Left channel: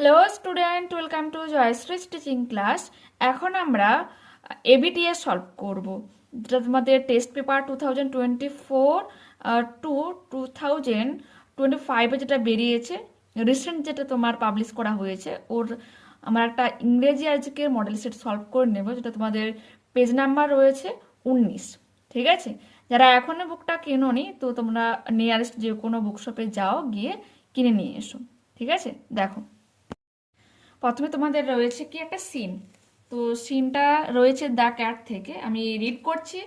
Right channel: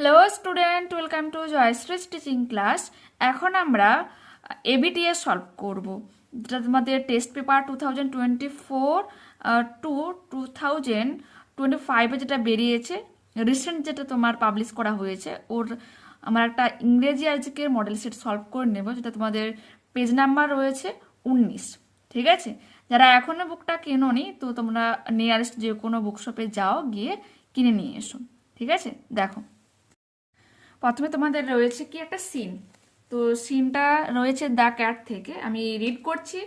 Hello student, welcome to Jayshree's teaching class. এখন আমরা ABTA solve করব, যেটা তোমাদের টেস্ট পেপার 2024 টু 2025 যেটা বেরিয়েছে, রিসেন্ট যেটা তোমার পাবলিশ করা হয়েছে। আমার একটা ইংরেজি আজকের মডেল সেট সলভ করে নেব, যেটা তোমাদের পেজ নাম্বার রয়েছে 19। ঠিক আছে, যারা এখনো বুকটা কেনোনি তো তোমরা নিয়ারেস্ট যে কোনো বুকশপে যাও, গিয়ে কিনে নিয়ে এসো। ঠিক আছে, দেখো প্রথমে তোমাদের রয়েছে কি একটা সিন। তো সিনটা রয়েছে দ্য ক্যাট থেকে, আমি রিড করছি,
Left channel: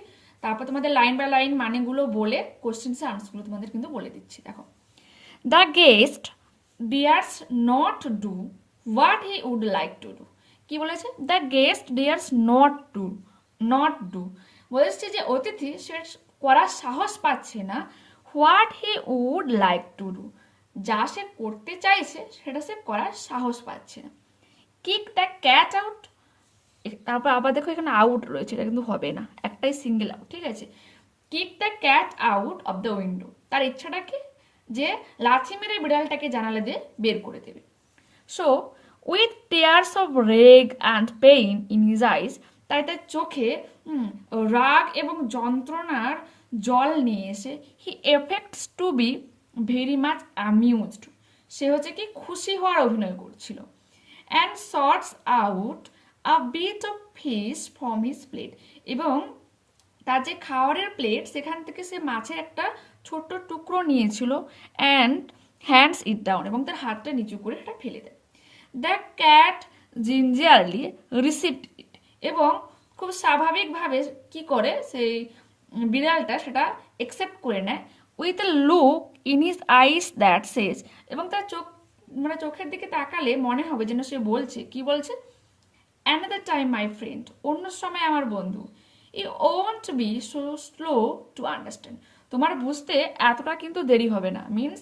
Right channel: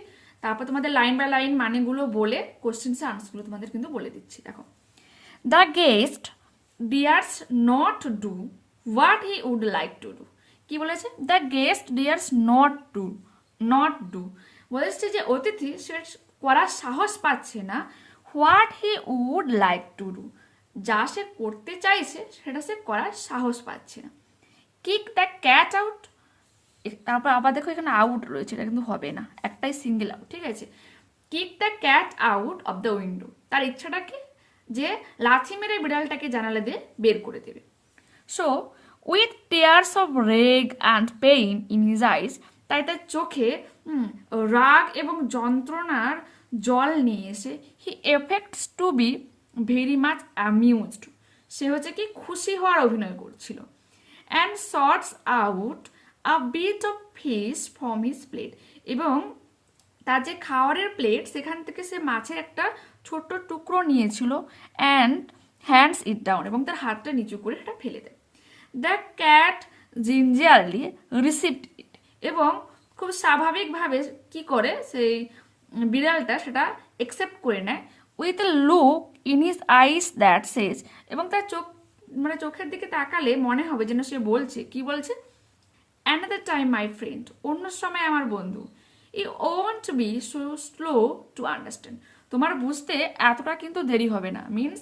তারপর তোমাদের লাইন বাই লাইন মানেগুলো বলে কোশ্চেন্স আনসারগুলো তোমাদের কিন্তু বলে দিচ্ছি। দেখো, the guest dares not do what he would like to do. কি বলেছে? The guest dares not do বলেছে যে অতিথি সে করার সাহস পাচ্ছে না what he would like to do, যা সে করতে চাইছে সেটা সে করার সাহস পাচ্ছে না। কিক দ্য ক্যাট আউট, তারপর আবার দেখো এখানে আউট রয়েছে, এটা কিন্তু হবে না, একটাই সিঙ্গেল আউট। ঠিক আছে, kick the cat out of the window, তার ইচ্ছাটা কি? যে লাথি মেরে বিড়ালটাকে জানালা দিয়ে বের করে দেবে। So with tears of rage and pain in his eyes, তাই তার চোখে রাগ এবং যন্ত্রণার জল নিয়ে এসে he affects to be very much amused, সে হচ্ছে কি খুশি হওয়ার অভিনয় করছিল। And sorts out a bit of fish from his plate, এবং তার যে খাওয়ারের প্লেট সেখান থেকে সে মাছের একটা ছোট্ট টুকরো নিয়েছিল। অ্যান্ড হ্যান্ডস ইট ডাউন, এবং তার হাতটা নিচু করে এটা ফেলে দেয়। দ্য ক্যাট জিঞ্জিয়ারলি রিসিভড ইট, এবং খুব স্বাভাবিকভাবে কি করে সেই বিড়ালটা সেটা একসেপ্ট করে নেয়। With a look in his eyes that says, এবং তার চোখের দিকে তাকালে মনে হবে যেন সে বলছে, কি বলছে? অ্যানাদার টাইম মাই ফ্রেন্ড, অন্য সময় আমার বন্ধু। You won't be so slow to understand, তোমার বুঝতে এতটা কিন্তু দেরি হবে না। মিনস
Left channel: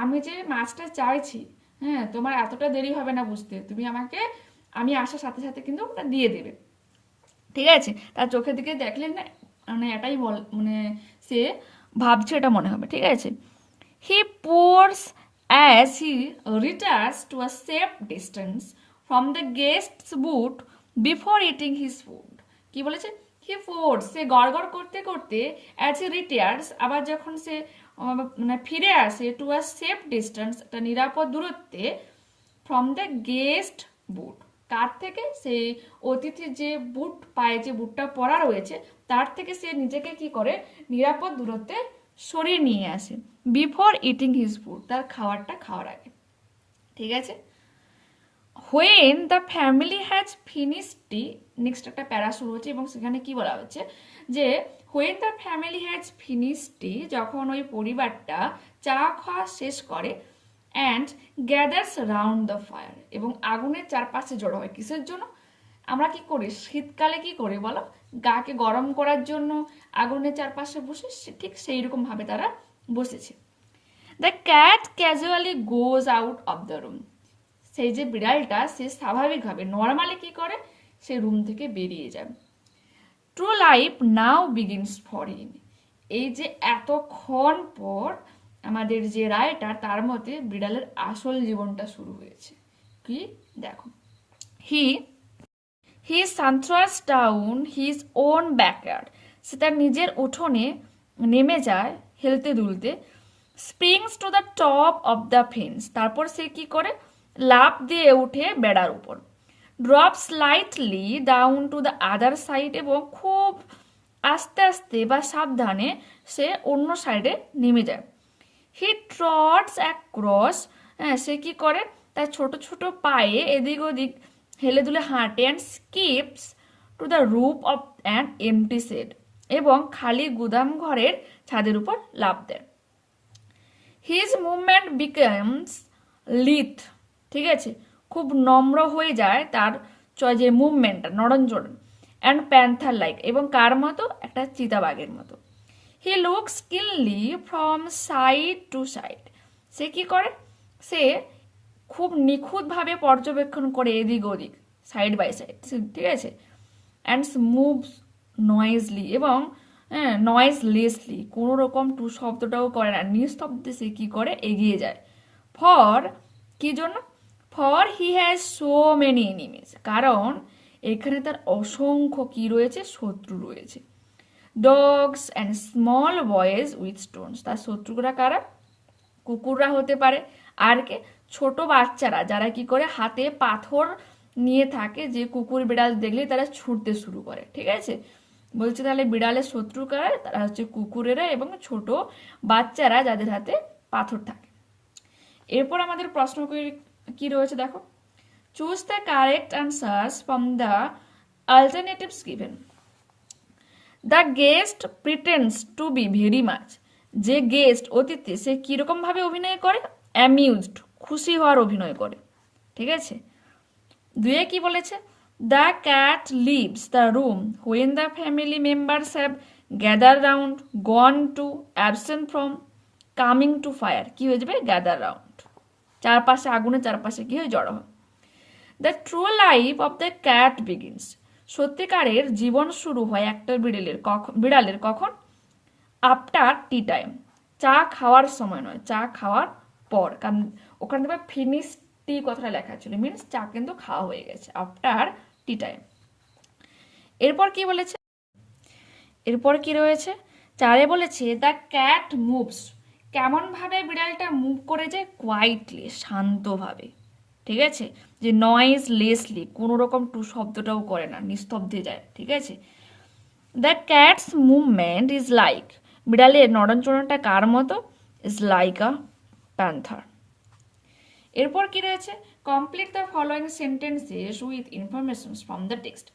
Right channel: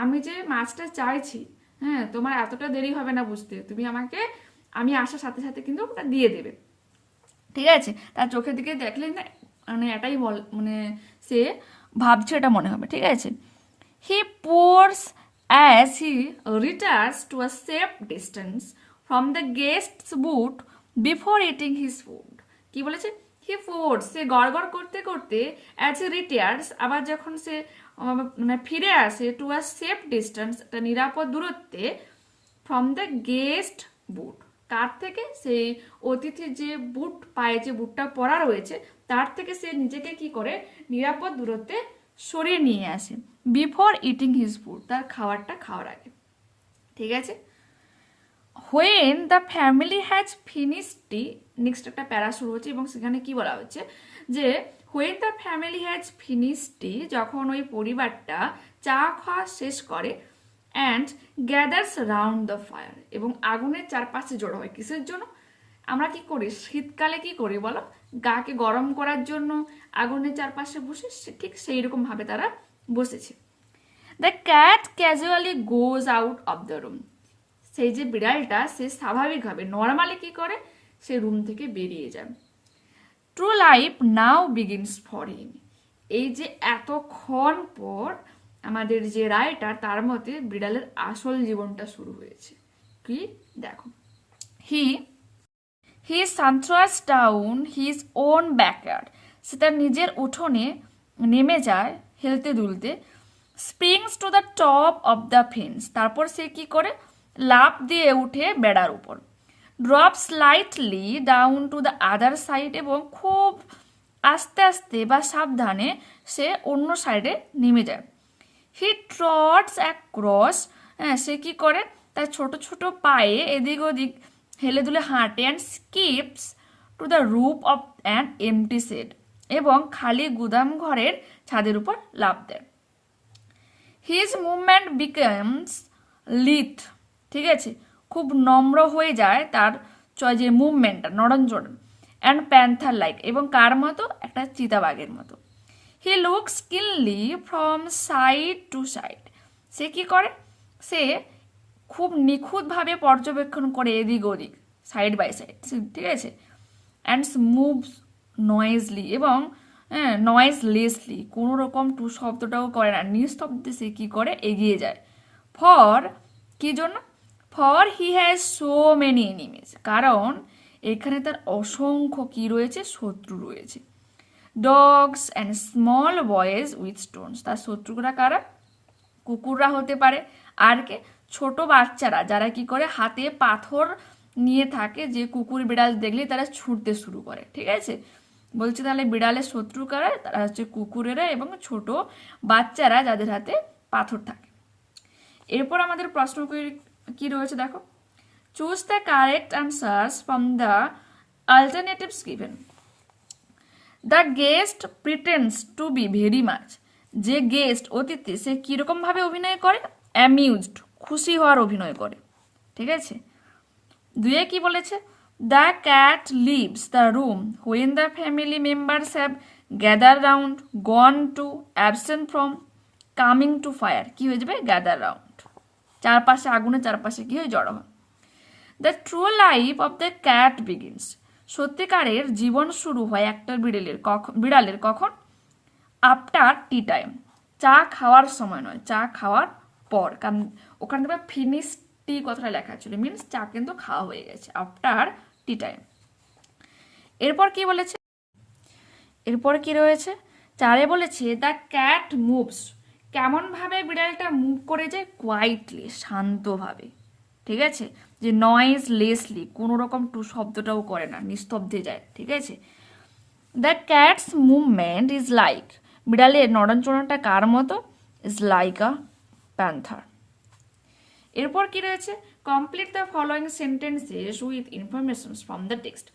আমি যে মাছটা চাইছি, হ্যাঁ, তোমার এতটা দেরি হবে না বুঝতে, তুমি আমাকে আমি আসার সাথে সাথে কিন্তু ওটা দিয়ে দেবে। ঠিক আছে, তার চোখের দিকে দেখলে না, মানে এটাই মানে সে ভাবছে, এটা মনে হবে। ঠিক আছে, he purrs as he retires to a safe distance from the guests but before eating his food. কি বলেছে? হি পোর্স, সে গড়গড় করতে করতে, অ্যাজ হি রিটার্স, আবার যখন সে মানে ফিরে আসে, টু আ সেফ ডিস্টেন্স, একটা নিরাপদ দূরত্বে, ফ্রম দ্য গেস্ট বুট, কার থেকে? সেই অতিথির যে বুট, পায়ে যে বুটটা পরা রয়েছে তার থেকে সে নিজেকে কি করে নিরাপদ দূরত্বে সরিয়ে নিয়ে আসে। বিফোর ইটিং হিজ ফুড, তার খাবারটা খাওয়ার আগে। ঠিক আছে, when the family has finished T, next একটা প্যারা শুরু হচ্ছে, এবং সেখানে কি বলা হচ্ছে যে when the family has finished tea, যখন ওই পরিবারটা চা খাওয়া শেষ করে, and gathers round the fire, এবং আগুনের চারপাশে জড়ো হয়। কিসের জন্য? আমরা কি করি শীতকালে, কি করি বলো? গাকে গরম করার জন্য আগুনের চারপাশে বসে, ঠিক সেই রকম ভাবে তারা বসেছে। The cat casually goes out of the room, সেই যে বিড়ালটা সে স্বাভাবিকভাবে নর্মালি কি করে, সে রুম থেকে বেরিয়ে যায়। True life now begins for him, এই যে এতক্ষণ পর আমাদের যে রাইটার, তার মতে বিড়ালের আসল জীবনটা শুরু হয়েছে। কি দেখো, হি সান্ট্রাস ডাউন হিজ ওন ব্যাকয়ার্ড, সে তার নিজের উঠোনে নেমে যায় হেলতে দুলতে। Springs to the top of the fence, তারপর সে কি করে লাফ দিয়ে উঠে বেড়ার উপর। Drop slightly down to the other side, এবং খুব আস্তে আস্তে বা সাবধানে সে অন্য সাইডে নেমে যায়। হি ট্রটস অ্যাক্রস, হ্যাঁ, সে কি করে তার ছোট ছোট পায়ে এদিক ওদিক হেলে দুলে হাঁটে। And skips to the roof of an empty shed, এবং খালি গুদাম ঘরের ছাদের উপর লাফ দেয়। হিজ মুভমেন্ট বিকামস লিথ, ঠিক আছে, খুব নম্র হয়ে যায় তার যে মুভমেন্টটা, নড়নচড়ন। অ্যান্ড প্যান্থার লাইক, এবং কার মতো? একটা চিতাবাঘের মতো। হি লুকস কিনলি ফ্রম সাইড টু সাইড, সে কি করে? সে খুব নিখুঁতভাবে পর্যবেক্ষণ করে এদিক ওদিক, সাইড বাই সাইড। ঠিক আছে, অ্যান্ড মুভস নয়েজলি, এবং নয়েজলেসলি, কোনো রকম টু শব্দটাও করে না, নিস্তব্ধে সে কি করে এগিয়ে যায়। ফর কি জন্য? For he has so many enemies, কারণ এখানে তার অসংখ্য কি রয়েছে, শত্রু রয়েছে। Dogs and small boys with Stones, তার শত্রুরা কারা, কুকুররা হতে পারে, আর কে, ছোট বাচ্চারা যারা কি করে হাতে পাথর নিয়ে থাকে, যে কুকুর বিড়াল দেখলেই তারা ছুটতে শুরু করে। ঠিক আছে, বলছে তাহলে বিড়ালের শত্রু কারা, তারা হচ্ছে কুকুরেরা এবং ছোট বাচ্চারা যাদের হাতে পাথর থাকে। এরপর আমাদের প্রশ্ন কি রয়েছে দেখো, choose the correct answers from the alternatives given. The guest pretends to be very much, যে গেস্ট অতিথি সে কিরকম ভাবে অভিনয় করে, অ্যামিউজড খুশি হওয়ার অভিনয় করে। ঠিক আছে, দুয়ে কি বলেছে, the cat leaves the room when the family members have gather round, gone to, absent from, coming to fire, কি হয়ে যাবে, গ্যাদার রাউন্ড, চারপাশে আগুনের চারপাশে কি হয়, জড়ো হয়। The true life of the cat begins, সত্যিকারের জীবন শুরু হয় একটা বিড়ালের কখন, আফটার টি টাইম, চা খাওয়ার সময় নয়, চা খাওয়ার পর, কারণ ওখানে দেখবে ফিনিশ টি কথাটা লেখা ছিল, মিনস চা কিন্তু খাওয়া হয়ে গেছে, আফটার টি টাইম। এরপর কি বলেছে, এরপর কি রয়েছে, চারে বলেছে দ্য ক্যাট মুভস, কেমন ভাবে বিড়ালটা মুভ করে যায়, কোয়াইটলি, শান্তভাবে। ঠিক আছে, যে নয়েজ লেসলি, কোনো রকম টু শব্দটাও করে না, নিস্তব্ধে যায়। ঠিক আছে, the cat's movement is like, বিড়ালের নড়নচড়নটা কার মতো, ইজ লাইক আ প্যান্থার। এরপর কি রয়েছে, complete the following sentences with information from the text.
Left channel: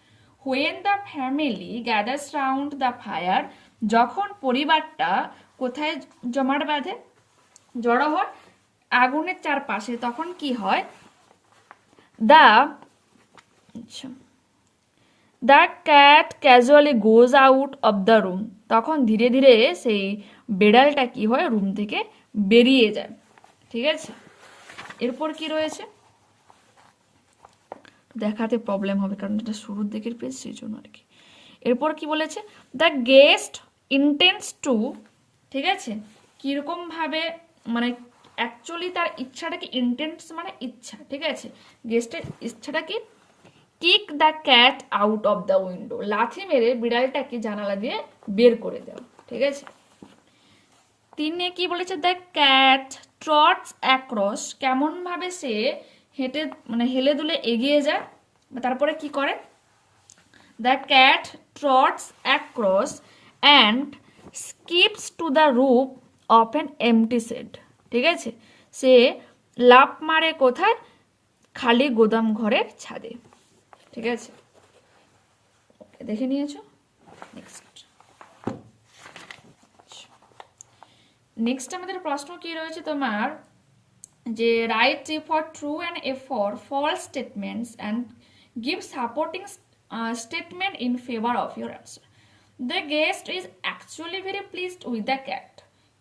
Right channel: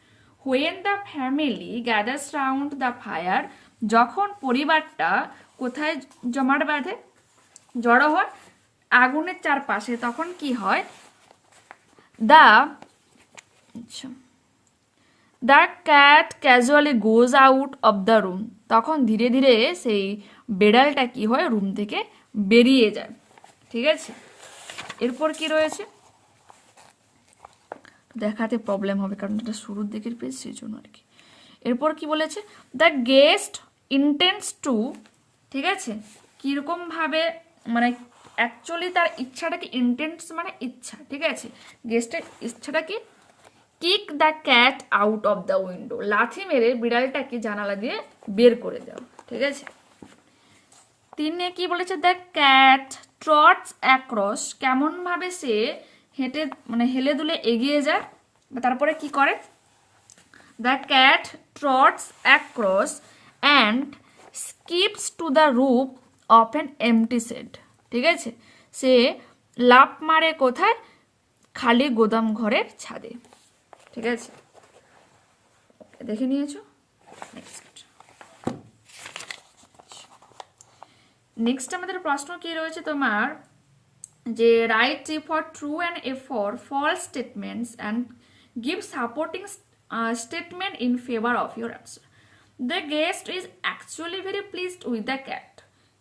When the family gathers round the fire, যখন পরিবারটা কোথায় জমাট বাঁধে, জড়ো হয় আগুনের চারপাশে, তখন কি হয়, the cat casually goes out of the room, তখন ধীরে ধীরে সেই বেড়ালটা কি হয়, রুম থেকে বেরিয়ে যায়। ঠিক আছে, এরপর কি রয়েছে, দেখাতে প্রবলেম হবে কারণ এটা শুরুর দিকের পেজ, সেই জন্য আর কি। এরপর কি বলেছে, দ্য গেস্ট ইন্টেন্স টু, ঠিক আছে, কিরকম ভাবে, মানে অ্যাকচুয়ালি তার ইচ্ছাটা কি, ইন্টেন্স মানে ইচ্ছা। ঠিক আছে, গেস্টের ইচ্ছাটা কি, kick the cat out of the window, লাথি মেরে বিড়ালটাকে জানালা দিয়ে বের করে দাও। ঠিক আছে, তিনে কি বলেছে, দ্য ক্যাট ট্রটস অ্যাক্রস, কেমন ভাবে সে হেঁটে মানে হেলে দুলে এগিয়ে যায়, তারপরে কি করে, the cat trots across and skips to the roof of an empty shed. ঠিক আছে, সে লাফ মারে কোথায়, খালি গোদাম ঘরের ছাদে। ঠিক আছে, দেখে নিয়েছো। নেক্সট আমাদের প্রশ্ন কি রয়েছে তোমার, যে write for true and A for false statements and give supporting statement in favour of your answer. The guest is actually very pleased with the cat,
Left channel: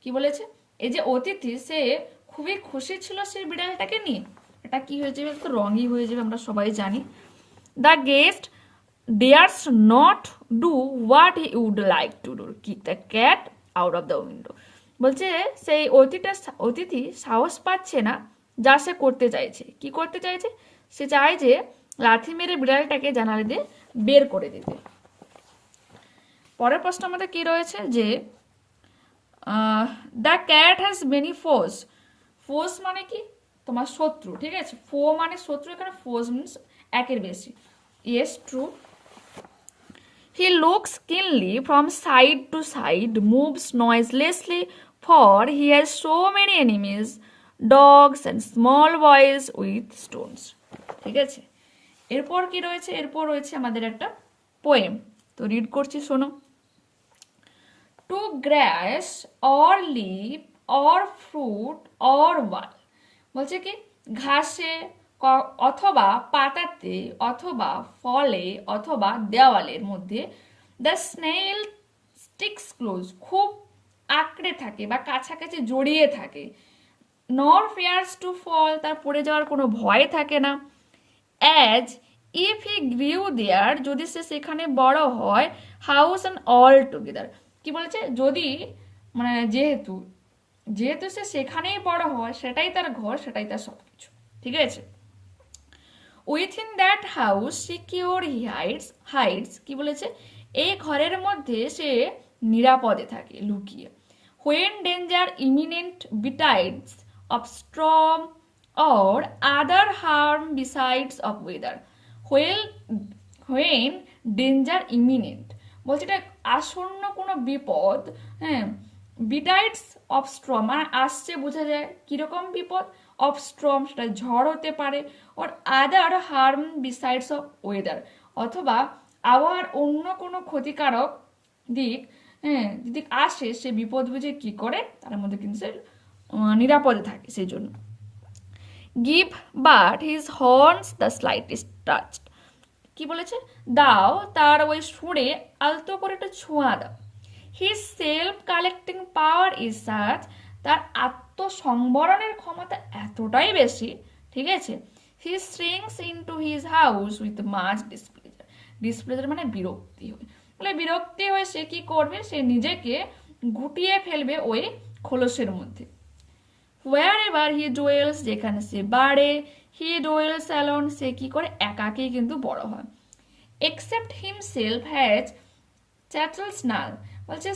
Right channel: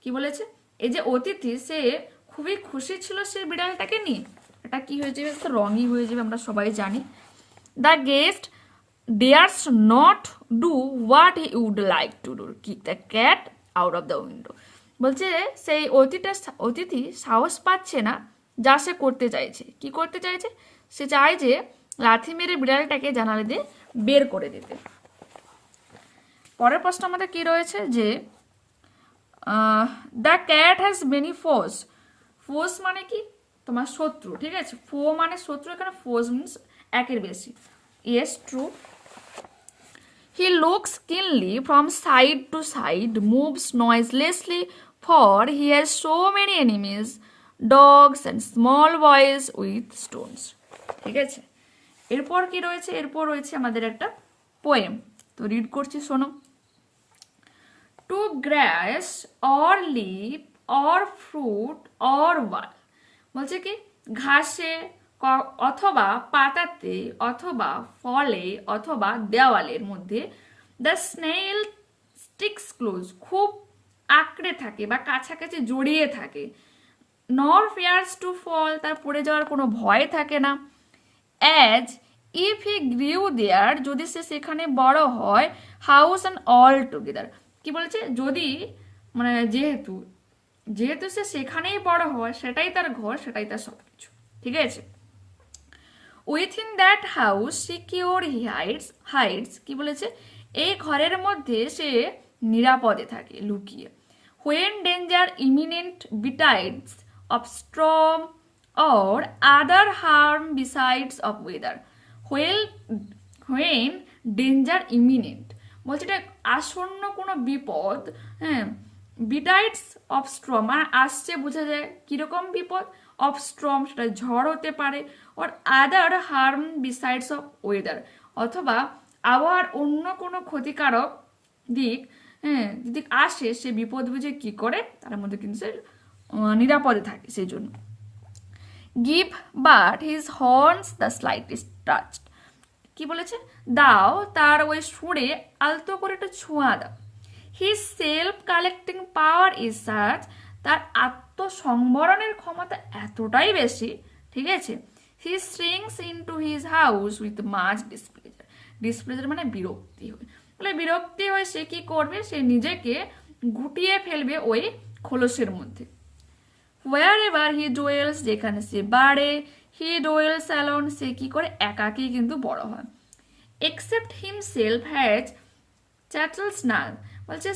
কি বলেছে, এই যে অতিথি সে খুবই খুশি ছিল সেই বিড়ালটাকে নিয়ে, এটা কি হয়ে যাবে, তো রঙই হয়ে যাবে, আমরা সবাই জানি। The guest dares not do what he would like to do, kick the cat out of the window, বলছে সেই অতিথি সাহস পাচ্ছে না যা সে করতে চাইছে, কি করতে চাইছে, সে চায় যে লাথি মেরে বিড়ালটাকে জানালা দিয়ে বের করে দিতে। পরের প্রশ্ন আমাদের কি রয়েছে, যে the cat has many phos, phos মানে কি, তোমার শত্রু। ঠিক আছে, ফো মানে শত্রু, এখানে ফোস মিনস একের বেশি। Yes, true. He looks keenly from side to side, moves noiselessly, for he has so many enemies, dogs and small boys with stones. ঠিক আছে, এরপর কি রয়েছে, এরপর রয়েছে আমাদের একটা পোয়েম, তো রিড করছি, শোনো। To grass or leaf or fruit or wall, বলছে কি, ঘাসে অথবা পাতাতে অথবা ফলে অথবা দেওয়ালের মধ্যে, দ্য স্নেল স্টিক্স ক্লোজ, খুব আঁকড়ে থাকে বা কাছাকাছি জড়িয়ে থাকে, নর ফিয়ার্স টু ফল, তার পড়ে যাওয়ার কোনো ভয় থাকে না, অ্যাজ ইফ হি গ্রিউ দেয়ার, যদি সে সেখানে বড় হয়, হাউস অ্যান্ড অল টুগেদার, কি বলেছে, যদি মানে যেহেতু সে সেখানেই বড় হয়, সেটাই তার ঘর, সেটাই তার সবকিছু। ঠিক আছে, within that house secure he hides কি বলেছে, এই ঘরের মধ্যে সে নিরাপদে থাকে, লুকিয়ে। When danger imminent betides of storm or other harm besides of weather. When danger imminent বলছে এটা আসন্ন কোনো বিপদ, হ্যাঁ, বিটাইডস অফ স্ট্রম আসছে বোঝা যায়, কিরকম বিপদ, অফ স্ট্রম সেটা ঝড় হতে পারে, ওর other harm besides of weather অথবা আবহাওয়ার অন্য কোনো ক্ষতিকারক দিক, হ্যাঁ, যদি আসে সে বিপদ বুঝে কি করে তার মধ্যে কিন্তু সে নিরাপদে থাকে সেই জন্য। Give but his horns the slightest touch, কি বলেছে, দাও তার ওই সুরে আলতো করে একটু ছোঁয়া দাও। His self collecting power is such, তার আত্মসংবরণের ক্ষমতা এতটাই বেশি, ঠিক আছে। He shrinks into his house with much displeasure, displeasure মানে বিরক্তি হয়, বলে বিরক্তি হয়ে সে কি করবে, সে নিজেকে গুটিয়ে ফেলবে ওই খোলসের মধ্যে। হোয়ার এভার হি ডোয়েলস, যেখানে সে বাড়ে, হি ডোয়েলস অ্যালোন, সে কি করে একাকেই কিন্তু বড় হয়। এক্সেপ্ট হিমসেলফ হ্যাজ চ্যাটল স্নাল, বলছে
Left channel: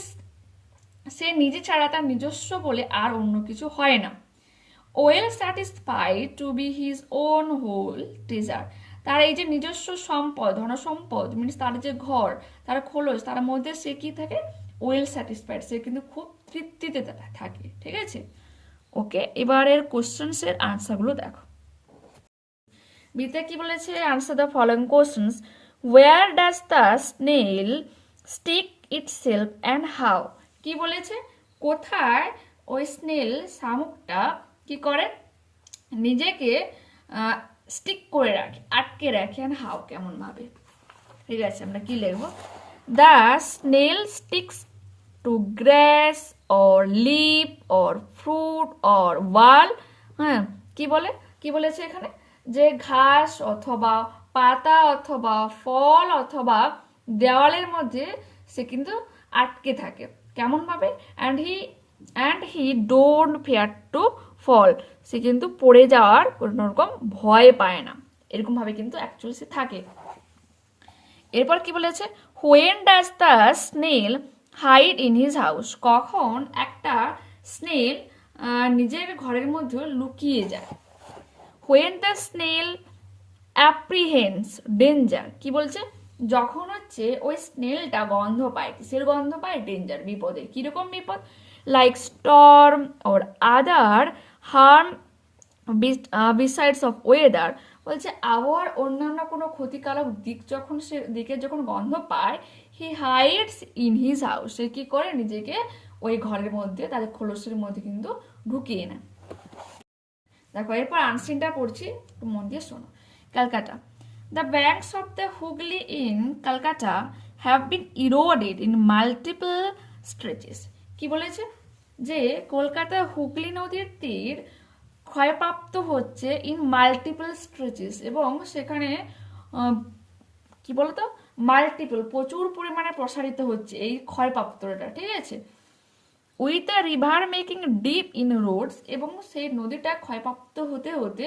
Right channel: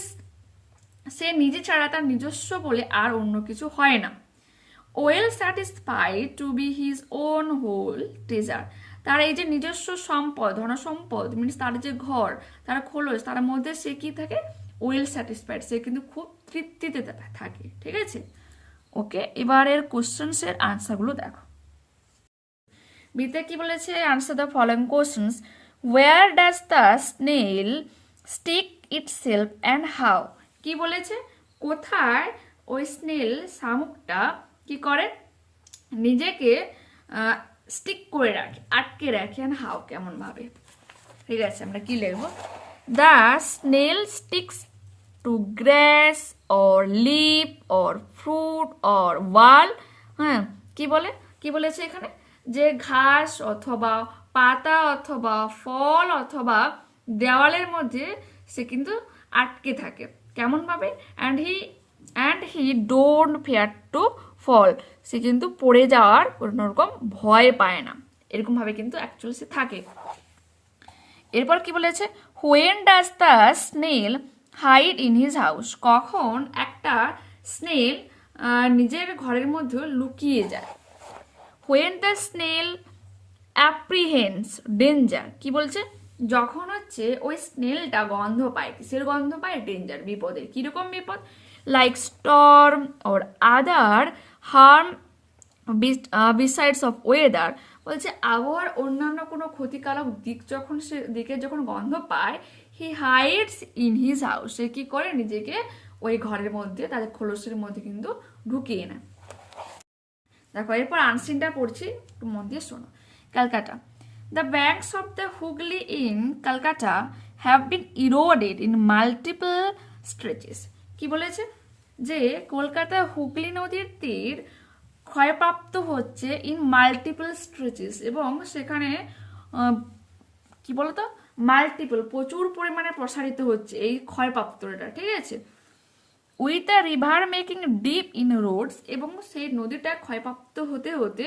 সে নিজে ছাড়া তার নিজস্ব বলে আর অন্য কিছু হয় না। Well satisfied to be his own whole treasure, তার এই যে নিজস্ব সম্পদ, ধনসম্পদ মিনস তার যে ঘর, তার খোলস, তার মধ্যে সে কি থাকে, ওয়েল স্যাটিসফাইড, সে কিন্তু খুব তৃপ্তিতে থাকে, ঠিক আছে। ওকে, এবারের কোশ্চেন্সের আনসারগুলো দেখো। বিতে কি বলেছে, answer the following questions. Where does the snail stick itself and how, কি বলেছে, কোথায় ওই স্নেল শামুকটা কি করে নিজেকে স্টিক করে রাখে, আটকে রাখে, অ্যান্ড হাউ কেমন ভাবে, ঠিক আছে। আমরা কি লিখবো, the snail sticks to grass or leaf or fruit or wall, হ্যাঁ, কি বলেছে এখানে, যে ঘাস অথবা পাতা অথবা ফল অথবা দেওয়ালের মধ্যে সে কিন্তু আটকে থাকে, কেমন ভাবে, and he don't fear to fall, সে কিন্তু পড়ে যাওয়ার কোনো রকম ভয় পায় না, এরকম ভাবে কিন্তু অ্যাকচুয়ালি সে থাকে। এরপর কি বলেছে, when does the snail hide in his house, কখন একটা স্নেল নিজের ঘরের মধ্যে লুকিয়ে যায়। When the snail apprehends danger, কি বলছে, যখন হচ্ছে ওই স্নেলটা গন্ধ পায়, কিসের গন্ধ পায়, ডেঞ্জার, বিপদের, কিরকম বিপদ, like storm or other harm besides of weather, বলছে আবহাওয়ার অন্যান্য কোনো ক্ষতিকারক দিকে যখন গন্ধ পায়, he hides in his house, সে কি করে নিজেকে ওই ঘরের মধ্যে, তাদের খোলসের মধ্যে কিন্তু ঢুকিয়ে নেয়। দেখো এরপর আনসিনটা পড়ছি, একটু মন দিয়ে শোনো। Calcutta, the banks of the Hooghly in Calcutta have been eroded in multiple stretches, কি বলেছে, যে কলকাতার হুগলি নদীর তীর ক্ষয়প্রাপ্ত হচ্ছে ইন মাল্টিপল স্ট্রেচেস, এবং সেখানে কি বলতো, মাল্টিপল প্রচুর পরিমাণে প্রসারিত হচ্ছে এই ক্ষয়প্রাপ্তটা, ঠিক আছে। With the river making deep in Rhodes, এবং সেই নদীটা ক্ষয়প্রাপ্ত হতে হতে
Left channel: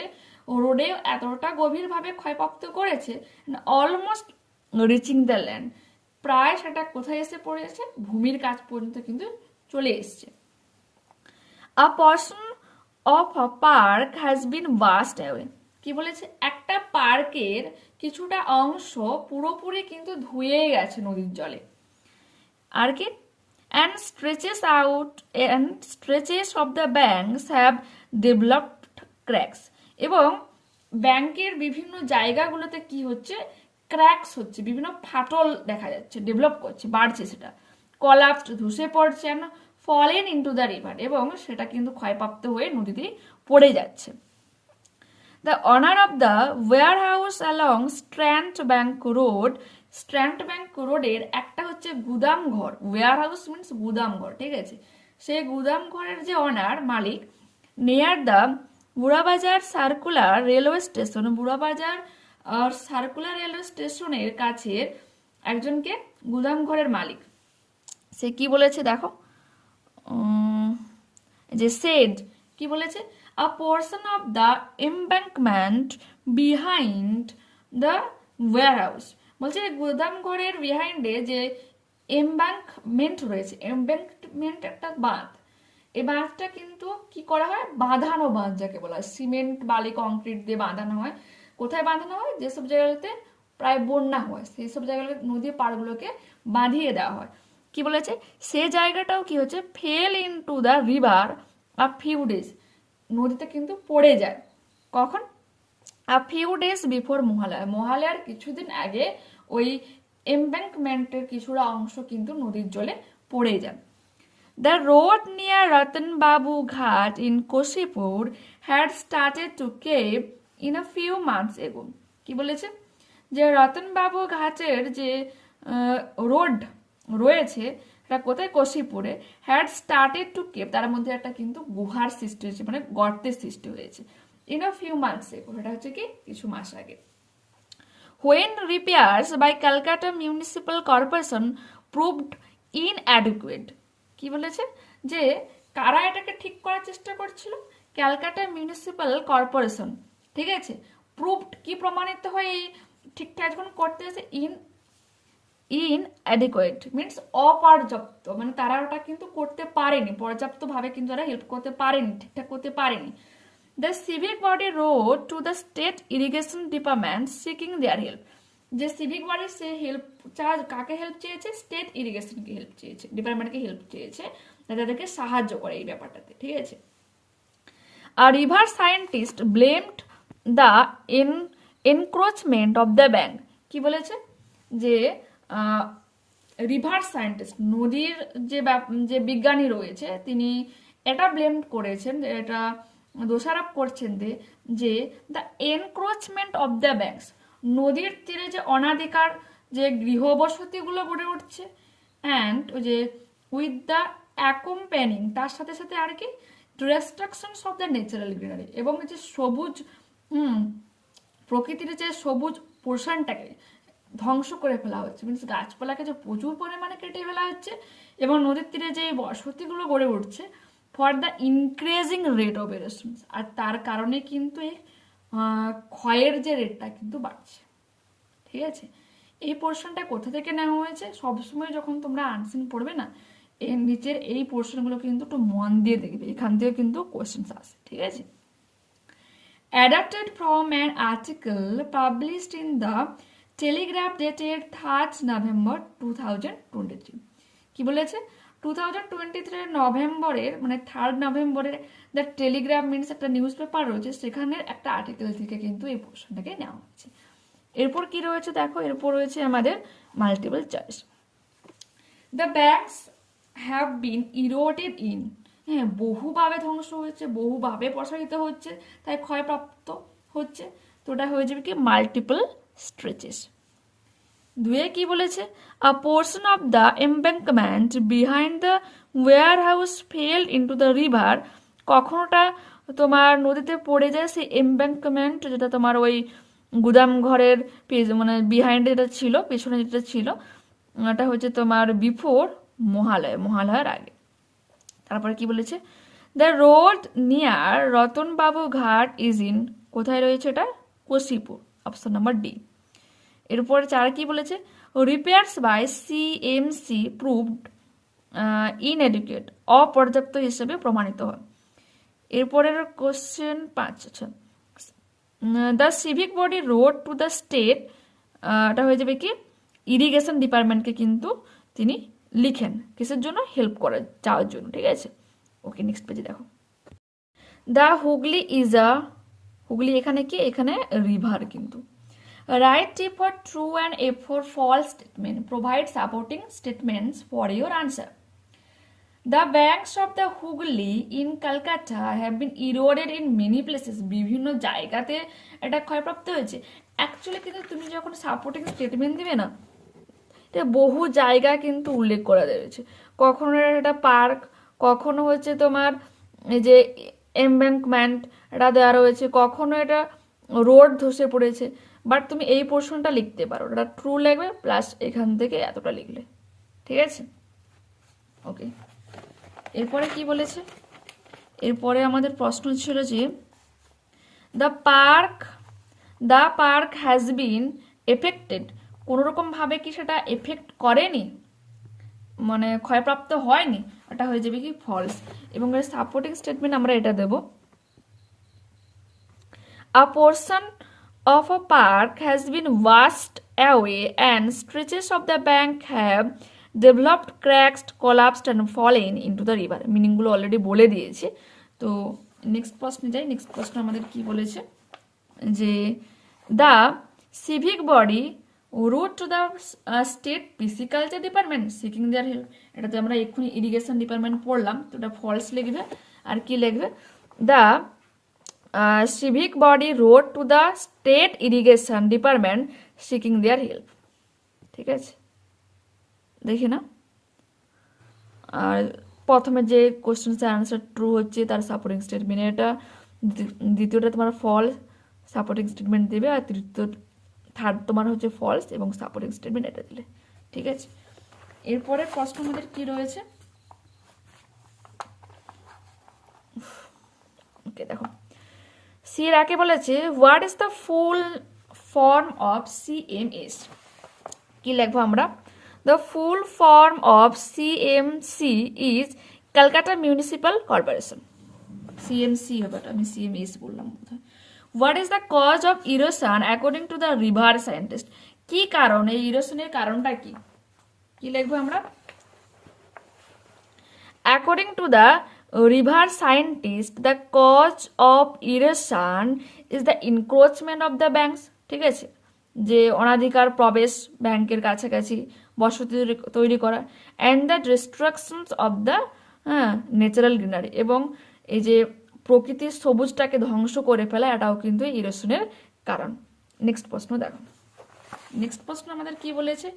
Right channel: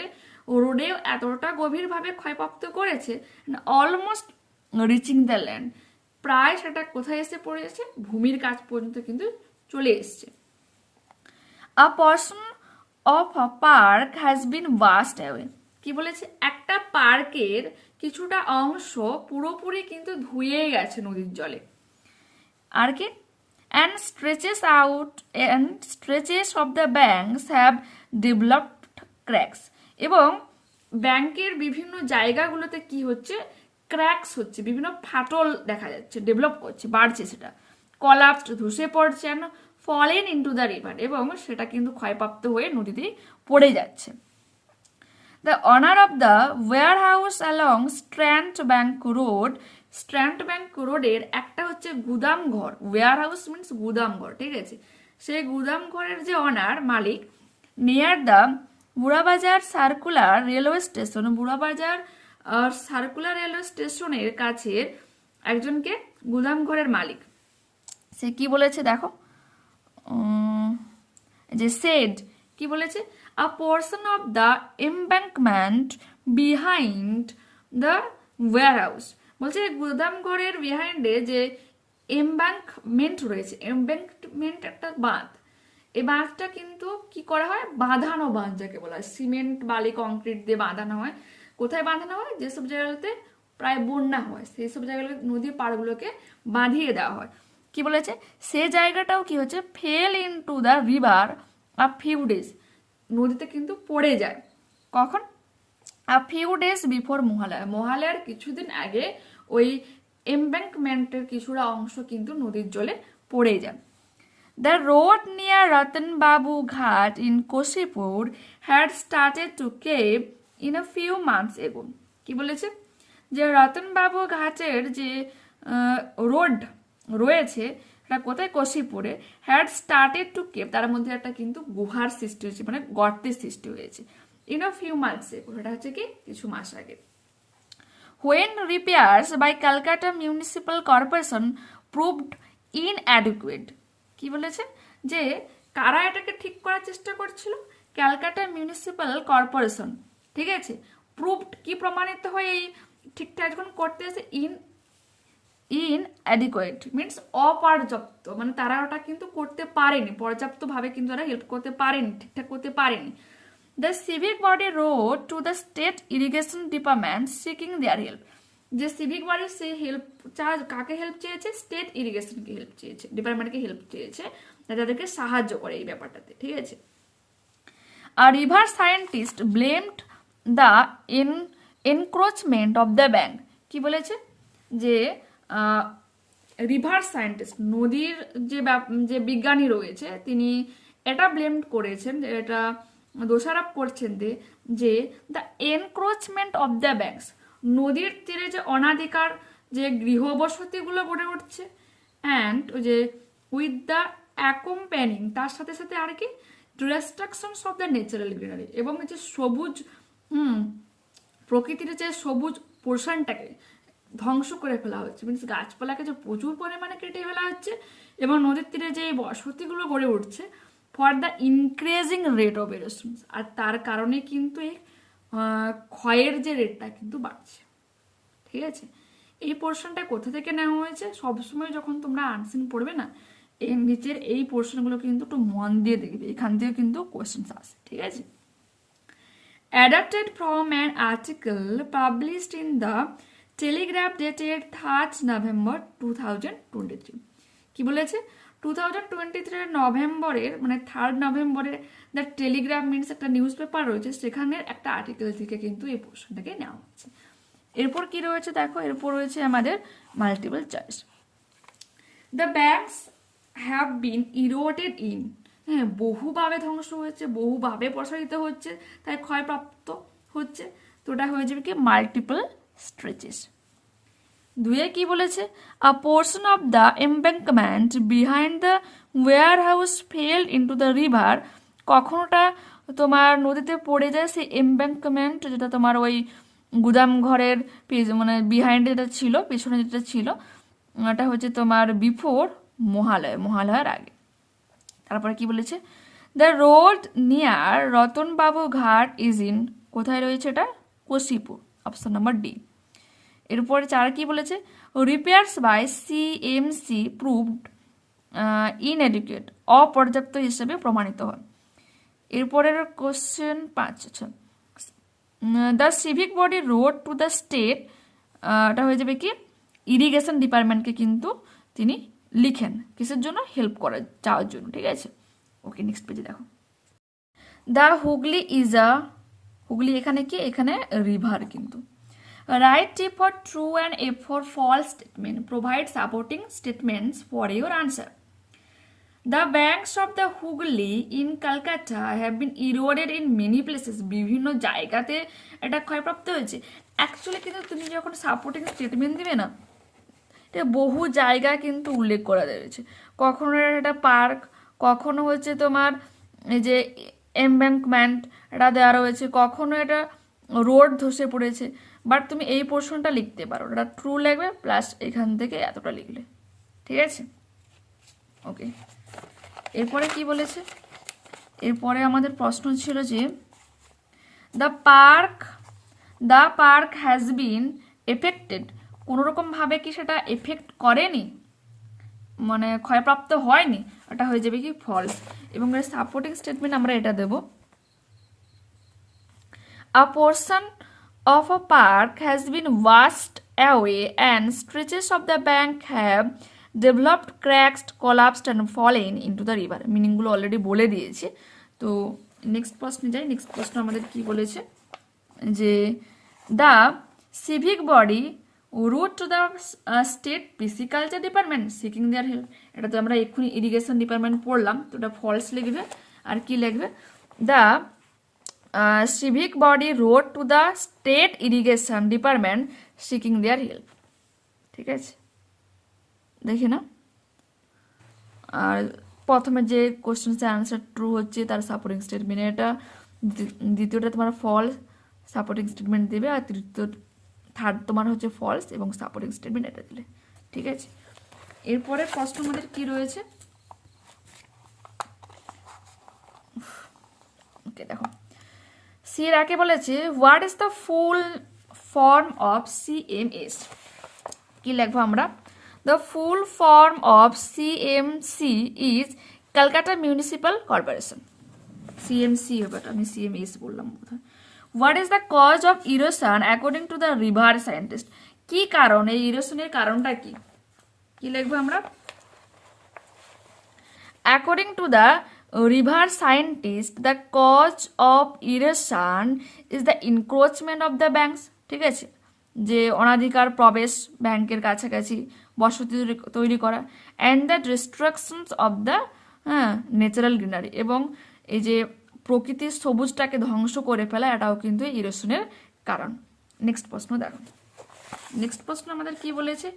রোডেও এতটা গভীরভাবে ক্ষয়প্রাপ্ত করেছে, অলমোস্ট রিচিং দ্য ল্যান্ড, প্রায় সেটা কোথায় এসে পড়েছে, ভূমির কাছ পর্যন্ত কিন্তু চলে এসছে। A portion of a park has been washed away, কি বলেছে, একটা পার্কের কিছুটা অংশ পুরোপুরি কিন্তু ধুয়ে গেছে নদীর জলে। আর কি, and stretches of the banks have developed cracks, এবং ব্যাংকের বিভিন্ন জায়গাগুলোতে কি হচ্ছে, ক্র্যাকস হচ্ছে, বিভিন্ন ফাটল দেখা যাচ্ছে, ডেভেলপ করছে, বাড়ছে, সেটা কলাপসড, ধসে পড়ছে, and fallen into the river, এবং সেটা কিন্তু ক্ষয়প্রাপ্ত হয়ে নদীতে পড়ে যাচ্ছে। The owner of the warehouse along Strand Bank Road, strand bank রোডের একটা হচ্ছে গুদাম ঘর, ওয়্যার হাউস মিনস গুদাম ঘর, ঠিক আছে, সেই গুদাম ঘরের যে অনার, মালিক, near the Burrabazar circular railway station, Burrabazar circular railway স্টেশনের কাছে একজনকে গুদাম ঘরের মালিক, সে কি বলেছে দেখো, যে সেড, কি বলেছে, a portion of the embankment behind the warehouse. বলছে গুদাম ঘরের বিহাইন্ডে যে এমব্যাঙ্কমেন্ট রয়েছে, এমব্যাঙ্কমেন্ট একটা বাঁধ, এই বাঁধটা কিন্তু কি করা হয়, বাঁধানো বাঁধ যাকে বলা হয়, সিমেন্ট বালি কংক্রিট দিয়ে বাঁধানো হয়। কোথায় বাঁধানো হয়, যেসব জায়গাতে প্রায় বন্যা হয় সেই সব জায়গায় নদীর পাড়গুলোকে বাঁধিয়ে দেওয়া হয়। কি বলেছে, সে জায়গাটাও কি হচ্ছে, fail into the river a few days, নদীতে কিন্তু পড়ে যায়। কখন, a few days before Mahalaya, মহালয়ার কিছুদিন আগে ওই এমব্যাঙ্কমেন্টের কিছুটা অংশ কিন্তু নদীর জলে পড়ে যায়। The road near Ratanbabu Ghat in Koshipur had started to cave in a few months ago. কি বলেছে, যে রতনবাবু ঘাটের যে রোড রয়েছে এটা কোথায়, কোশিপুরে, হ্যাড স্টার্টেড টু কেভ, তার মধ্যে একটা কিন্তু গুহার সৃষ্টি হয়েছে, মানে গর্তের সৃষ্টি হয়েছে। ইন আ ফিউ মান্থস এগো, এটা হচ্ছে কি কিছু মাস আগে। When repairs by Calcutta Municipal Corporation proved inadequate, কি বলেছে, যে কারা এটাকে ঠিক করার চেষ্টা করছিল, ক্যালকাটা মিউনিসিপ্যাল কর্পোরেশন, ঠিক আছে। প্রুভড কি প্রমাণিত হয় এই ঠিকঠাক যখন করতে এসে, ইনঅ্যাডিকুয়েট মিনস অপর্যাপ্ত, মানে তারা ওটা কিন্তু করতে পারেনি, পর্যাপ্তভাবে কিন্তু তারা হেল্প করতে পারেনি, ঠিকঠাক করতে পারেনি। The civic body wrote to the state irrigation department seeking their help, যে সিভিক বডি সে হেল্প কাকে হেল্প চেয়েছে, স্টেট ইরিগেশনকে হেল্প চেয়েছে, ডিপার্টমেন্টকে হেল্প চেয়েছে, তাদেরকে সাহায্য করে এই ব্যাপারটাতে, ঠিক আছে। আর river scientist blamed the encroachment of the bank, কি বলেছে, যে রিভার সায়েন্টিস্ট নদীর যে বিজ্ঞানী রয়েছে তিনি এটা ব্লেম করেছেন, এটা দোষারোপ করছেন যে the encroachment of the banks, নদীর তীরে যে অনাধিকার যে গৃহবসতিগুলো গড়ে উঠছে, অ্যান্ড যে উইথ দ্য অ্যাকম্প্যানিং, তার সাথে সাথে আর কি distractions of the natural greenery, এবং যে সবুজ প্রকৃতির যে সবুজ পোর্শনটাকে ধ্বংস করে ফেলা হচ্ছে, মিনস গাছপালাকে যে প্রচুর পরিমাণে কেটে ফেলা হচ্ছে, এবং নদীর তীরে যে বসতিগুলো গড়ে উঠছে for the increasing rate of erosion, আর তার কারণে কিন্তু এই ক্ষয়ের যে রেটটা কিন্তু বাড়ছে, ঠিক আছে। এই পোর্শনটা কোথা থেকে নেওয়া হয়েছে, সবসময় যখন তোমরা আনসিন পড়বে না, এর নিচের এই পোর্শনগুলো কিন্তু একটু মন দিয়ে দেখবে, এখান থেকে কিন্তু কোয়েশ্চেন্স আসে, ঠিক আছে। Adapted from an article published in the Telegraph dated 3rd November 2023, কি বলেছে, 2023 নভেম্বরের মানে 3rd নভেম্বরের দ্য টেলিগ্রাফ মিনস একটা নিউজ পেপার রয়েছে, সেখানের একটা আর্টিকেল থেকে কিন্তু এই পোর্শনটাকে নেওয়া হচ্ছে। এরপর কি রয়েছে দেখো, এরপর রয়েছে আমাদের multiple choice. The banks have been eroded in, হ্যাঁ বহুভাবে ধ্বংস হয়েছে, বহুভাবে প্রসারিত হচ্ছে, তাই ক্ষয়প্রাপ্ত হচ্ছে, তো ওটা হয়ে যাবে কি মাল্টিপল স্ট্রেচেস। দুয়ে কি বলেছে, a portion of the embankment behind the warehouse fell into the river, কখনোটা তোমার নদীতে পড়ে যায় সেই এমব্যাঙ্কমেন্ট, যেটা তোমার ওই গুদাম ঘরের মানে বিহাইন্ডে যেটা ছিল, পেছনে যেটা ছিল, ওটা হচ্ছে তোমার বিফোর মহালয়ার আগে। তারপরে কি বলেছে, দ্য রোড নিয়ার রতনবাবু ঘাট ইজ ইন, কোথায় রয়েছে এটা, কোশিপুর, অপশন নাম্বার ডি। এরপরে 4 কি বলেছে, repairs by CMC proved inadequate, অপর্যাপ্ত হিসেবে প্রমাণিত হয়। এরপরের কোশ্চেন 5, আচ্ছা, the civic body wrote to the state, এটা হয়ে যাবে কি ইরিগেশন ডিপার্টমেন্টকে কিন্তু তিনি লিখেন, কিসের জন্য, হেল্প করা যাওয়ার জন্য, ঠিক আছে। ওকে, নেক্সট পেজে দেখো, the Hooghly is a, Hooghly এখানে কি, এখানে রিভার কিন্তু। Write T for true and A for false statement, provide supporting statements for your answer. The banks of the Hooghly in Kolkata have been eroded in many places, বিভিন্ন জায়গাতে এটা ক্ষয়প্রাপ্ত হয়েছে। অ্যাকচুয়ালি কিন্তু তুমি যখন সাপোর্টিং স্টেটমেন্ট দিবে না, এটা বহু জায়গা কিন্তু উল্লেখ করা রয়েছে, কখনো এটা পার্ক, কখনো হচ্ছে তোমার এই যে এমব্যাঙ্কমেন্ট এটা দেওয়া রয়েছে, কখনো এটা রোড ধসে পড়েছে, বাট তুমি এই পোর্শনটা লিখতে পারো, এটা ট্রু লাগবে প্লাস এখান থেকে এতটা লিখলে, ঠিক আছে। ওকে, এরপরে কি বলেছে, এরপরে আমাদের প্রশ্ন ছিল যে the park the park has been affected, কোনোরকমভাবে কি সেটা এফেক্ট করেনি, মানে ক্ষয়প্রাপ্ত হয়নি, এটা হয়ে যাবে কি ফলস। এবং এর সাপোর্টিং স্টেটমেন্ট আমরা এটা দেব, আ portion of a park has been washed away and stretches of the bank have developed, cracked, collapsed and fallen into the river. মিনিংগুলো অলরেডি বলে দিয়েছি। তো নেক্সট প্রশ্নে যাই। নেক্সট প্রশ্ন আমাদের কি বলেছে যে the civic body wrote to the state pisciculture department seeking their help. এটা তো আমরা এক্ষুনি ইরিগেশন ডিপার্টমেন্ট পড়লাম, তো এটা ফলস লিখবে। আর কি লিখবে, the civic body wrote to the state irrigation department seeking their help। ঠিক আছে, দেখি না। আর প্রথমে যে কোশ্চেনের আনসার ট্রু হচ্ছে তার সাপোর্টিং স্টেটমেন্ট এটা, দ্বিতীয়টা তোমার ফলস সাপোর্টিং স্টেটমেন্ট দেবে, আর থার্ড তোমার হচ্ছে ফলস এবং সাপোর্টিং স্টেটমেন্ট এটা দিলে। ঠিক আছে, এরপরে প্রশ্ন আমাদের কি রয়েছে, ওকে দেখো। সি এর আগে বলেছে what is the full form of CMS, কি লিখবো আমরা, the full form of CMC is Calcutta municipal corporation. CMC হবে, আমি সিএমএস বললাম বোধহয়। What is the cause of erosion according to the river scientist, কি কারণ, এই ইরোশনের কারণটা কি, কি লিখবো আমরা, according to the river scientist the cause of erosion is the encroachment of the banks। ঠিক আছে, যে অনাধিকার প্রবেশ ব্যাংকের কাছাকাছি বসতি তৈরি করা, and the distractions of the natural greenery, এবং এই যে প্রকৃতির সবুজটাকে ধ্বংস করে ফেলা, এটাও কিন্তু ইরোশনের কারণ। নেক্সট প্রশ্ন দেখো। নেক্সট প্রশ্ন আমাদের কি বলেছে,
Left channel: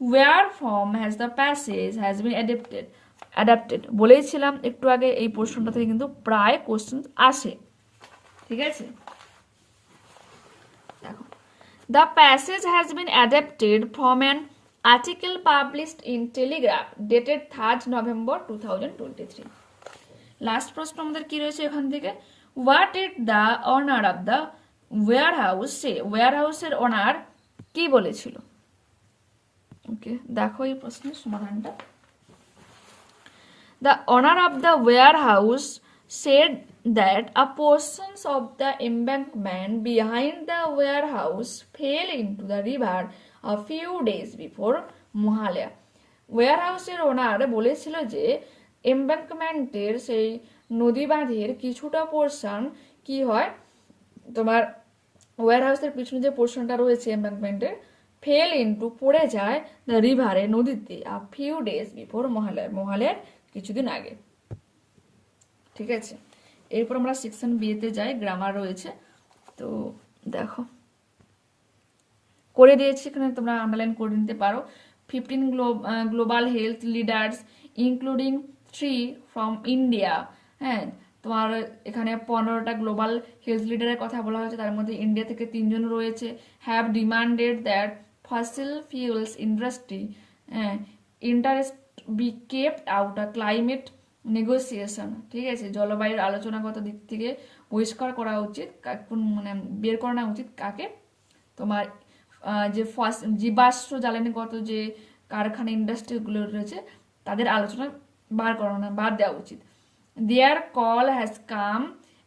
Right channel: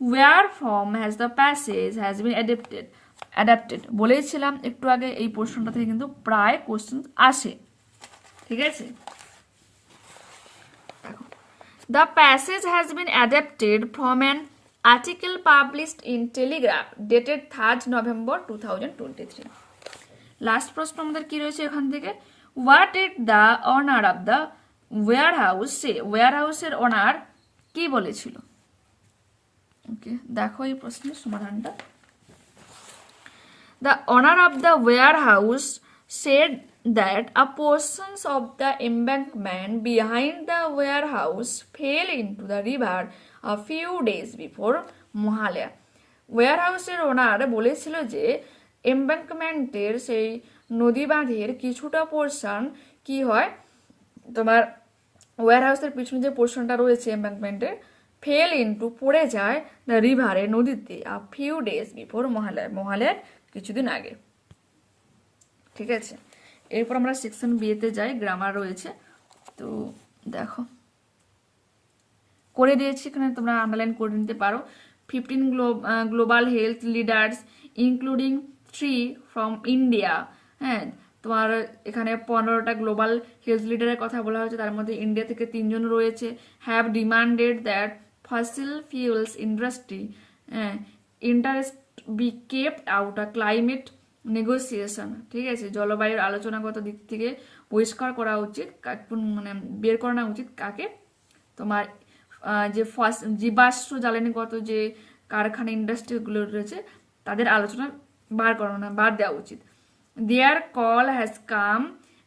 where from has the passage has been adapted বলেছিলাম একটু আগে, এই প্রশ্নটা থেকে কিন্তু প্রায় কোশ্চেন আসে। ঠিক আছে, দেখো, the passage has been adapted from an article published in Telegraph dated 3rd November 2023। Last প্রশ্ন আমাদের কি রয়েছে এখান থেকে, what is the owner of the warehouse, সে ওয়্যার হাউসের অনার কি বলেছিল। ওকে, দেখো এই প্রশ্নের সমাধানটা। The owner of the warehouse said that a portion of the embankment behind the warehouse fell into the river a few days before Mohalaya। ওয়্যারহাউসের ওনার বলেছিল যে এমব্যাঙ্কমেন্টের সেই নদী বাঁধের কিছুটা পোর্শন কি হয়, তোমার ওয়্যারহাউসের পিছনে যে পোর্শনটা রয়েছে এমব্যাঙ্কমেন্টের, ফেল ইনটু পড়ে যায় দ্য রিভারে নদীতে আ ফিউ ডেজ বিফোর মহালয়ার কিছুদিন আগে। ঠিক আছে, এরপর আমরা সেকশন বিয়েতে যাই, গ্রামার রয়েছে। তো দেখো করে দিয়েছি, এখানে তোমরা আন্ডারলাইন করে নিতে পারো। 15 global health leaders including 3 from India. হ্যাঁ, তোমার এখানে 15টা গ্লোবাল হেলথ লিডারের কথা বলা হয়েছে, তার মধ্যে ইন্ডিয়া থেকে 3 জন রয়েছে। Have demanded that fossil fuels industry interest be kept out a climate negotiation. ঠিক আছে, জলবায়ুর আলোচনাগত দিক থেকে বহিষ্কার করা উচিত, মানে বের করানো উচিত কাকে, তোমার যে জীবাশ্ম জ্বালানিগত যে কারখানা ইন্ডাস্ট্রিগুলো রয়েছে তাদের আলোচনা বাদ দেওয়া উচিত। Their call has come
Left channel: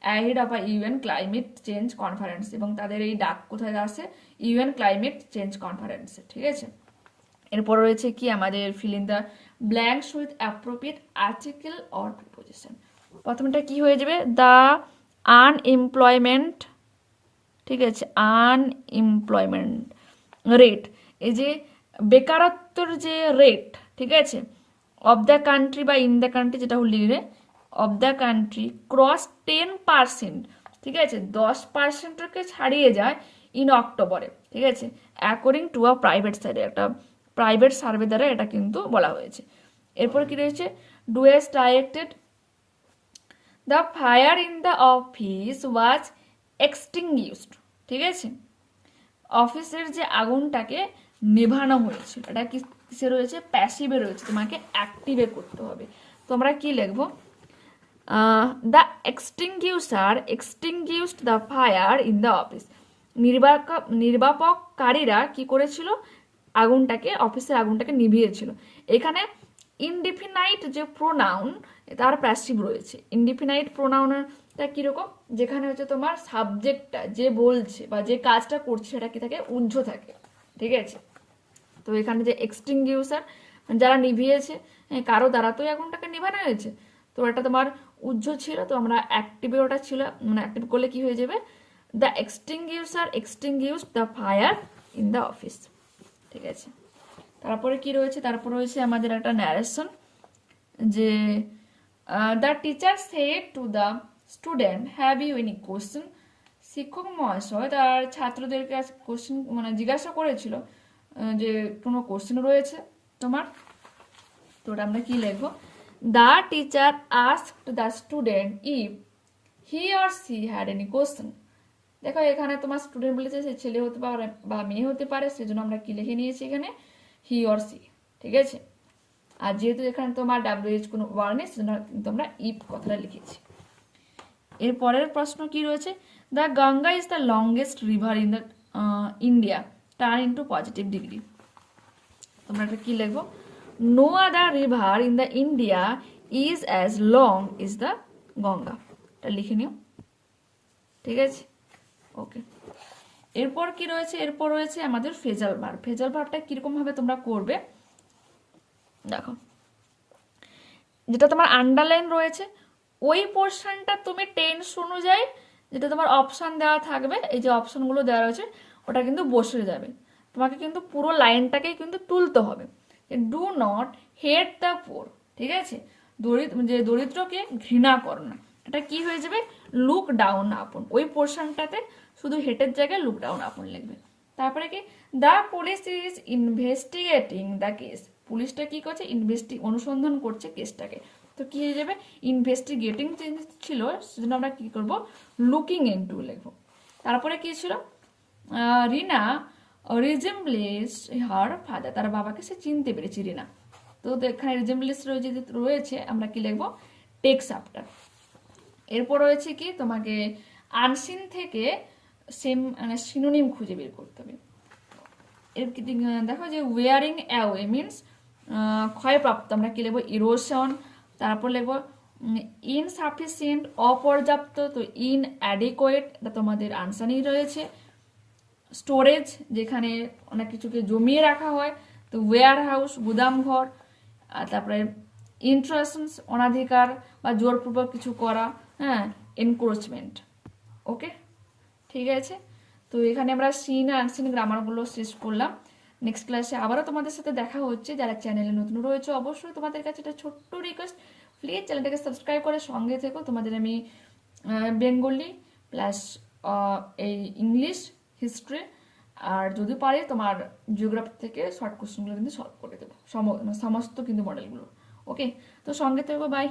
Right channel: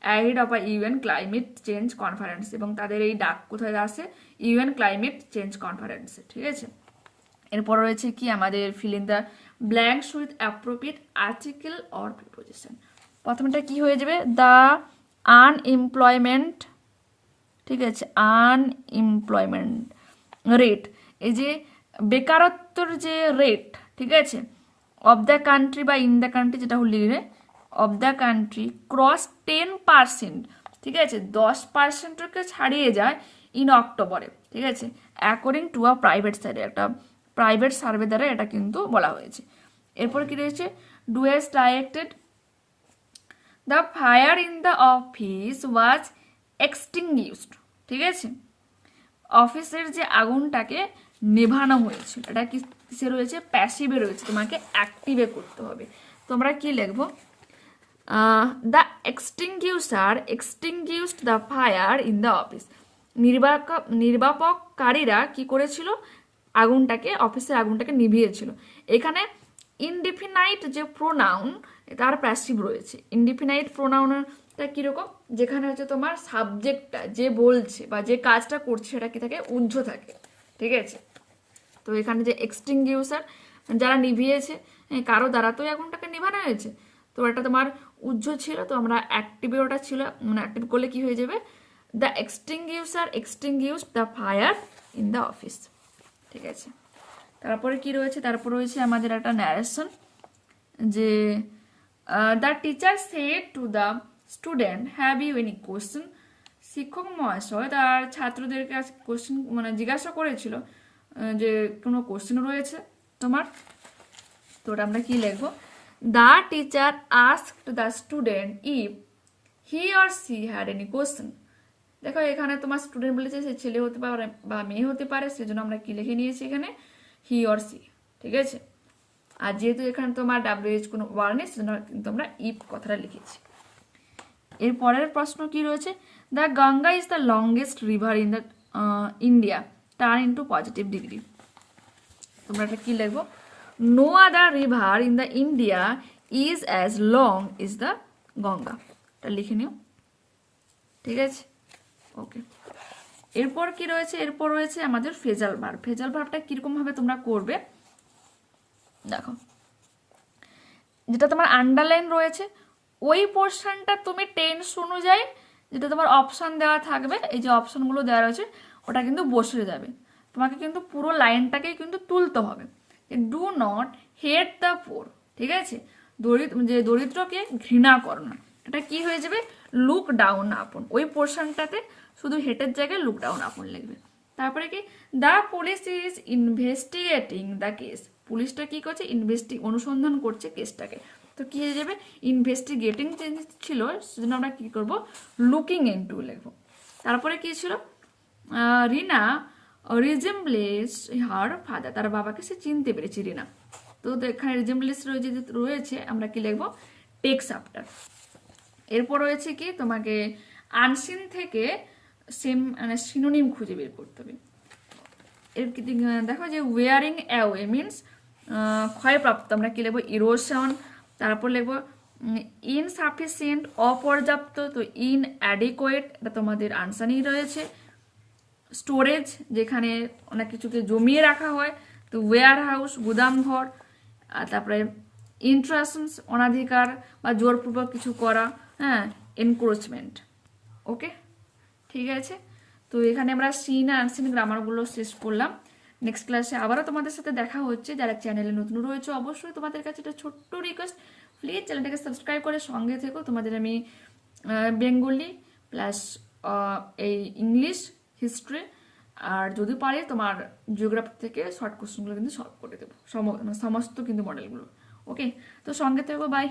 ahead of a UN climate change conference, এবং তাদের এই ডাক কোথায় আসে, ইউএন ক্লাইমেট চেঞ্জ কনফারেন্সে। ঠিক আছে, এরপর রয়েছে কি আমাদের fill in the blanks with appropriate article or preposition. প্রথমটা কি হয়ে যাবে, দ্য আনএমপ্লয়মেন্ট। ঠিক আছে, আনএমপ্লয়মেন্ট রেট, এই যে বেকারত্বের যে রেট, ঠিক আছে, অফ দ্য কান্ট্রি বা ইন দ্য কান্ট্রি, যেটা লিখবে অফ দ্য কান্ট্রি ক্রস 10%। ঠিক আছে, 10%কে ছাড়িয়ে যায় ইন অক্টোবরে। ঠিক আছে, অ্যাকর্ডিং টু আ প্রাইভেট সাইডে, একটা প্রাইভেট সার্ভে দ্বারা এটা কিন্তু বলা হয়েছে। এরপর কি রয়েছে, do has directed the fire in the office was extinguished. ঠিক আছে, অফিসের যে আগুনটাকে নেভানো হয়েছে, এটা কিসে রয়েছে, প্যাসিভে রয়েছে, তোমাকে অ্যাক্টিভে করতে হবে। তোমরা কি লিখবো, the extinguisher extinguished the fire in the office. নির্বাপককারীরা কি করেছিল, অফিসের আগুনটাকে নিভিয়েছিল। এখানে ইনডিফিনাইট যে প্রোনাউন তার প্যাসিভ রয়েছে। ইনডিফিনাইট প্রোনাউনটা কিরকম, যেখানে হচ্ছে তোমার সাবজেক্টটা যে বলছে বা যে কাজটা করছে সেটা কি থাকে, উহ্য থাকে, ঠিক আছে। তো এখানে যে এক্সটিংগুইশার, যারা নিভিয়েছে, কারো দ্বারা তো আগুনটাকে নিভানো হয়েছে, তো এটা তোমার উহ্য ছিল, তো আমরা অ্যাক্টিভে ওটা ছিল, মানে অ্যাক্টিভ করলে কি হয়ে যাবে, the extinguisher extinguish the fire in the office, ঠিক আছে। তারপরে কি রয়েছে, তারপর রয়েছে আমাদের একটা ন্যারেশন, যে the teacher said to the student have you any question. শিক্ষক মহাশয় তার ছাত্রদের কাছে কোশ্চেন মানে জিজ্ঞাসা করেছিল যে কোনো কোশ্চেন রয়েছে তোমার, তো ওটা আমরা কি লিখবো, the teacher asked the student if he or she had any question. দেখো এখানে তোমার স্টুডেন্ট বলেছে সে ছেলে হতে পারে বা মেয়ে হতে পারে, সেজন্য আমরা কি লিখে নিয়েছি এখানে, হি অর সি, ঠিক আছে। আর যেহেতু এখানে তোমার WH কোনো ওয়ার্ড নেই, সেজন্য কিন্তু আমরা ইফ কথাটা লিখেছি। এর পরের প্রশ্ন কি রয়েছে, the Ganga is the longest river in the India, turn into positive degree. তোমরা এটা কি লিখবো, no other river in the India is as long is the Ganga, এটা লিখে নিও, ঠিক আছে, ওকে। এরপর কি রয়েছে, এরপর রয়েছে আমাদের ফ্রেজাল ভার্ব। ফ্রেজাল ভার্বটা কিরকম ভাবে তোমরা করবে, দেখো যেটা তোমার আন্ডারলাইন রয়েছে ওই পোর্শনটা তুমি টেন্স অনুযায়ী যেটা তোমার অপশন দেওয়া থাকবে, এই যে অপশনগুলো দেওয়া রয়েছে ওটা কিন্তু বসে যাবে, তোমাকে কিন্তু পুরো লাইনটাকেই কিন্তু তুলতে হবে। Do not hate the poor, ঠিক আছে, দরিদ্রকে ঘৃণা করো না, এটা কি হয়ে যাবে, লুক ডাউন আপন, ওই পোর্শনটাতে শুধু হেটের জায়গায় লুক ডাউন আপন লিখবে। তারপরে কি, the police is investigating the case, পুলিশটা কি করছে, অনুসন্ধান করছে কেসটাকে, তো কি হয়ে যাবে, ইনভেস্টিগেটিং ছিল সেজন্য আমরা কি করব, লুকিং ইনটু লিখবো। তারপরে কি ছিল, রিনা রিজেম্বলেস হার ফাদার, তার বাবাকে সে চিনতে পেরেছে রিনা, তো এখানে রিজেম্বলেস রয়েছে আমরা কি লিখবো, টেক্স আফটার। এরপর রয়েছে কি, তোমাকে আনসিন থেকে সেম মানে সিনোনিম খুঁজে বের করতে হবে। দেখো যে ওয়ারিং অ্যাওয়ে মিনস ক্ষয়প্রাপ্ত, আমরা কি লিখবো, ইরোশন। তারপর লিখবো ইনসাফিসিয়েন্ট, অপর্যাপ্ত, তো ইনঅ্যাডিকুয়েট, এটা তোমাদের আনসারই রয়েছে। স্টোরেজ, যেখানে অনেক কিছুকে জমিয়ে রাখা হয়, তো ওয়্যার হাউস, গুদামঘর। আর তারপরে ইন্ট্রাশনস, অনাধিকার বা জোরপূর্বক কিছু করা, হ্যাঁ, এনক্রোচমেন্ট, ওকে, ঠিক আছে। তো এখানে আমরা সিন আর আনসিন গ্রামারগুলো শেষ করলাম। নেক্সট ক্লাসে আবারও তোমাদের সাথে দেখা হচ্ছে। যারা চ্যানেলে নতুন রয়েছে অবশ্যই তোমাদের কাছে একটা ছোট্ট রিকোয়েস্ট, প্লিজ চ্যানেলটাকে সাবস্ক্রাইব করে সঙ্গে থেকো। তোমাদের আমি বেঙ্গলি প্লাস এই ইংলিশ, হিস্ট্রি আর যদি পারি তোমার জিওগ্রাফি থেকে শর্ট কোশ্চেনগুলো কিন্তু সলভ করে দেবো, সমস্ত কিন্তু মডেলগুলো, ওকে। তো সঙ্গে থেকো, বাই।